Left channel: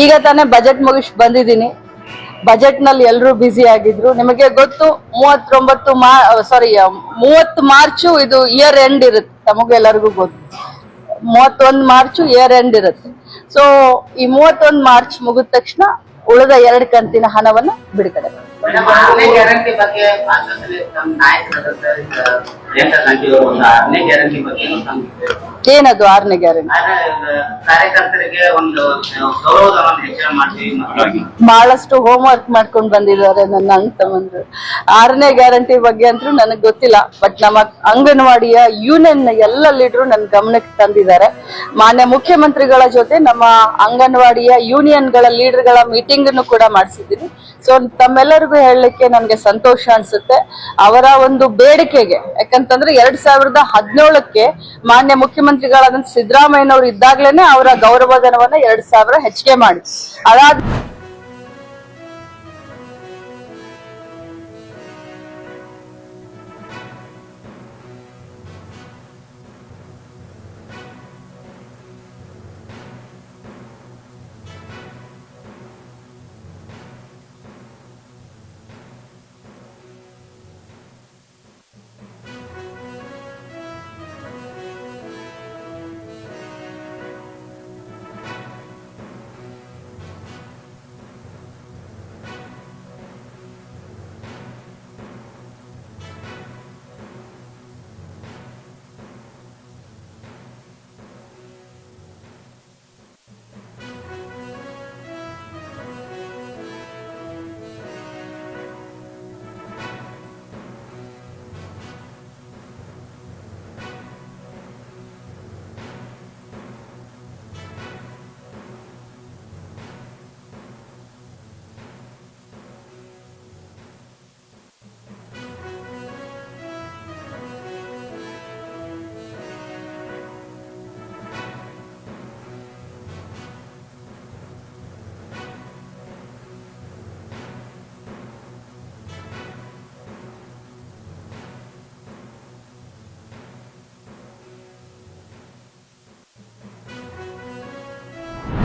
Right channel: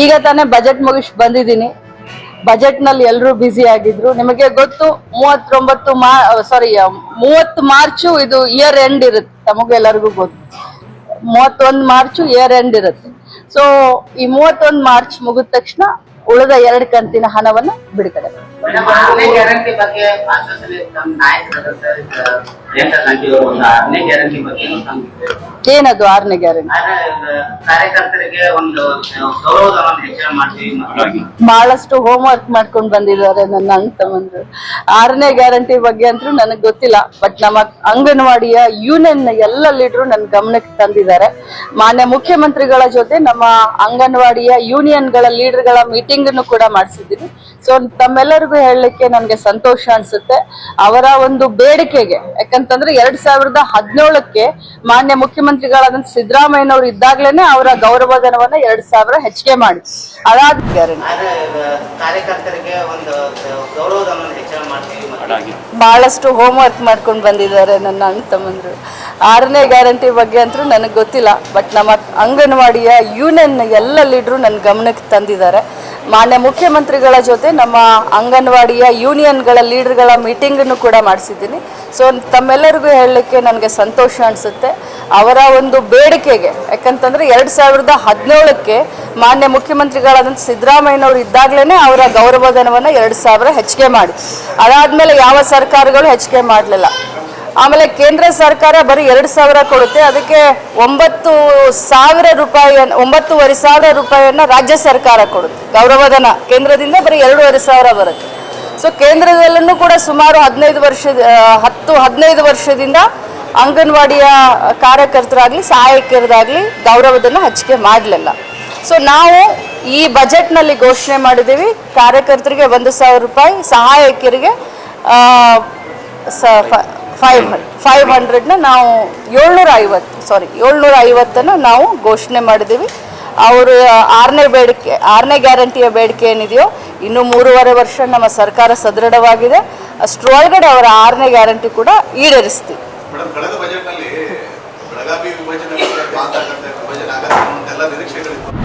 ಈಗ ತಾನೇ ಬಜೆಟ್ ಮುಗಿಸ್ ಬಂದಿದ್ದೀನಿ. ಬಜೆಟ್ ನಲ್ಲಿ ಎಲ್ಲರೂ ಬ್ಯುಸಿ ಆಗಿದ್ರು. ನಿಮಗೆ ಗೊತ್ತು 30 ಮಾರ್ಚ್ ಇದು ಇಯರ್ ಎಂಡ್ ಇರುತ್ತೆ, ತಮಗೆಲ್ಲರಿಗೂ ಗೊತ್ತು. 31 ಮಾರ್ಚ್ ಇಯರ್ ಎಂಡ್ ಇರುತ್ತೆ. ಸೊ ಈ 31 ಮಾರ್ಚ್ ಮುಗಿದ ತಕ್ಷಣ ಉಳಿದ 2 ಕಂತಿನ ಹಣವನ್ನು ಬಿಡುಗಡೆ. ಗ್ಯಾರಂಟಿ ಬಗ್ಗೆ ಆಶ್ವಾಸನೆ ತಮ್ಮ ನಾಯಕರಾದ ಗ್ಯಾರಂಟಿ ಬಗ್ಗೆ ಏನದು 6ನೇ ಗ್ಯಾರಂಟಿ? ಕಾರ್ಯಕರ್ತರಿಗೆ ಒಂದು ಗೌರವಧನವನ್ನು ಹೆಚ್ಚಳ ಮಾಡ್ತೀವಿ. ಬಹಳಷ್ಟು ಹೋಮ್ ವರ್ಕ್ ಮಾಡ್ಕೊಂಡು ಬಂದಿದ್ದಾರೆ ನನ್ನ ಅಣ್ಣ ತಮ್ಮಂದ್ರು. 6ನೇ ಗ್ಯಾರಂಟಿ ಬಗ್ಗೆ ಅಂತೂ ನನಗೆ ಗೊತ್ತಿಲ್ಲ, ಬಟ್ ನಮ್ಮ ಅಂಗನವಾಡಿಯ ಯೂನಿಯನ್ ಎಲ್ಲ ಲೀಡರು ನನ್ನ ಗಮನಕ್ಕೆ ತಂದಿದ್ದಾರೆ. ಮಾನ್ಯ ಮುಖ್ಯಮಂತ್ರಿಗಳ ಜೊತೆ ನಮ್ಮ ಅಂಗನವಾಡಿಯ ಯೂನಿಯನ್ಗಳ ಲೀಡರ್ಗಳ ಮೀಟಿಂಗ್ ಅನ್ನು ಕೂಡ ಮಾಡಿಸಿದ್ದೀನಿ. ಸೊ ತಮ್ಮೆಲ್ಲರಿಗೂ ಹೇಳಲಿಕ್ಕೆ ನನಗೆ ಸಂತೋಷ ಅನ್ಸುತ್ತೆ. ಅವರ ಒಂದು ಬೇಡಿಕೆಗೆ, ಯಾಕಂತಂದ್ರೆ 2017ಕ್ಕೆ ಮಾನ್ಯ ಮುಖ್ಯಮಂತ್ರಿಗಳಾದಂತ ಸಿದ್ದರಾಮಯ್ಯನವರು ಇದ್ದಾಗ್ಲೇನೆ ಅವರ ಗೌರವಧನವನ್ನ 2,000 ಹೆಚ್ಚಿಗೆ ಮಾಡಿ ಅದಾದ ಕಾರ್ಯಕರ್ತರಿಗೆ ಒಂದು ಗೌರವಧನವನ್ನು ಹೆಚ್ಚಳ ಮಾಡ್ತೀವಿ. ಬಹಳಷ್ಟು ಹೋಮ್ ವರ್ಕ್ ಮಾಡ್ಕೊಂಡು ಬಂದಿದ್ದಾರೆ ನನ್ನ ಅಣ್ಣ ತಮ್ಮಂದ್ರು. 6ನೇ ಗ್ಯಾರಂಟಿ ಬಗ್ಗೆ ಅಂತೂ ನನಗೆ ಗೊತ್ತಿಲ್ಲ, ಬಟ್ ನಮ್ಮ ಅಂಗನವಾಡಿಯ ಯೂನಿಯನ್ ಎಲ್ಲ ಲೀಡರು ನನ್ನ ಗಮನಕ್ಕೆ ತಂದಿದ್ದಾರೆ. ಮಾನ್ಯ ಮುಖ್ಯಮಂತ್ರಿಗಳ ಜೊತೆ ನಮ್ಮ ಅಂಗನವಾಡಿಯ ಯೂನಿಯನ್ಗಳ ಲೀಡರ್ಗಳ ಮೀಟಿಂಗ್ ಅನ್ನು ಕೂಡ ಮಾಡಿಸಿದ್ದೀನಿ. ಸೊ ತಮ್ಮೆಲ್ಲರಿಗೂ ಹೇಳಲಿಕ್ಕೆ ನನಗೆ ಸಂತೋಷ ಅನಿಸುತ್ತೆ. ಅವರ ಒಂದು ಬೇಡಿಕೆಗೆ, ಯಾಕಂತಂದ್ರೆ 2017ಕ್ಕೆ ಮಾನ್ಯ ಮುಖ್ಯಮಂತ್ರಿಗಳಾದಂಥ ಸಿದ್ದರಾಮಯ್ಯನವರು ಇದ್ದಾಗ್ಲೇನೆ ಅವರ ಗೌರವಧನವನ್ನು 2,000 ಹೆಚ್ಚಿಗೆ ಮಾಡಿ, ಅದಾದ್ಮೇಲೆ ಯಾವ ಸರ್ಕಾರಗಳು ಹೆಚ್ಚಿಗೆ ಮಾಡಲಿಲ್ಲ. ಆಮೇಲೆ ಕೇಂದ್ರ ಸರ್ಕಾರ ಬರೀ 2,000 ಕೊಡುತ್ತೆ, ಅದಕ್ಕೆ 9,000 ರೂಪಾಯಿ 9,500 ರೂಪಾಯಿಯನ್ನ ರಾಜ್ಯ ಸರ್ಕಾರ ಕೊಡುತ್ತೆ ಗೌರವಧನ. ಕೇಂದ್ರದಿಂದ ಬರೀ 2,500 ಬರುತ್ತೆ. ಸೊ ಕೇಂದ್ರದಲ್ಲೂ ಕೂಡ ಸುಮಾರು 15 ವರ್ಷದಿಂದ ಅಂಗನವಾಡಿಯ ಕಾರ್ಯಕರ್ತರಾಗ್ಲಿ ಸಹಾಯಕರದಾಗ್ಲಿ ಗೌರವಧನ ಹಂಚಿಕೆ ಮಾಡಲಿಲ್ಲ. ಸೊ ನಾವು ಈ ಬಜೆಟ್ನಲ್ಲಿ ಘೋಷಣೆ ಮಾಡಿದ್ದೀವಿ, ಕಾರ್ಯಕರ್ತರಿಗೆ 1,000 ರೂಪಾಯಿ, ಸಹಾಯಕರಿಗೆ 500ನ ನಾವು 750 ನಾವು ಘೋಷಣೆ ಮಾಡಿದ್ದೀವಿ. ಅವರು 6ನೇ ಗ್ಯಾರಂಟಿಯ ಬೇಡಿಕೆ ಏನಿದೆಯೋ, ಇನ್ನು 3.5 ವರ್ಷ ನಮ್ಮ ಸರ್ಕಾರ ಸದೃಢವಾಗಿದೆ, ಅಷ್ಟರೊಳಗಡೆ ಅವರ 6ನೇ ಗ್ಯಾರಂಟಿ ಕೂಡ ಈಡೇರಿಸ್ತೀವಿ.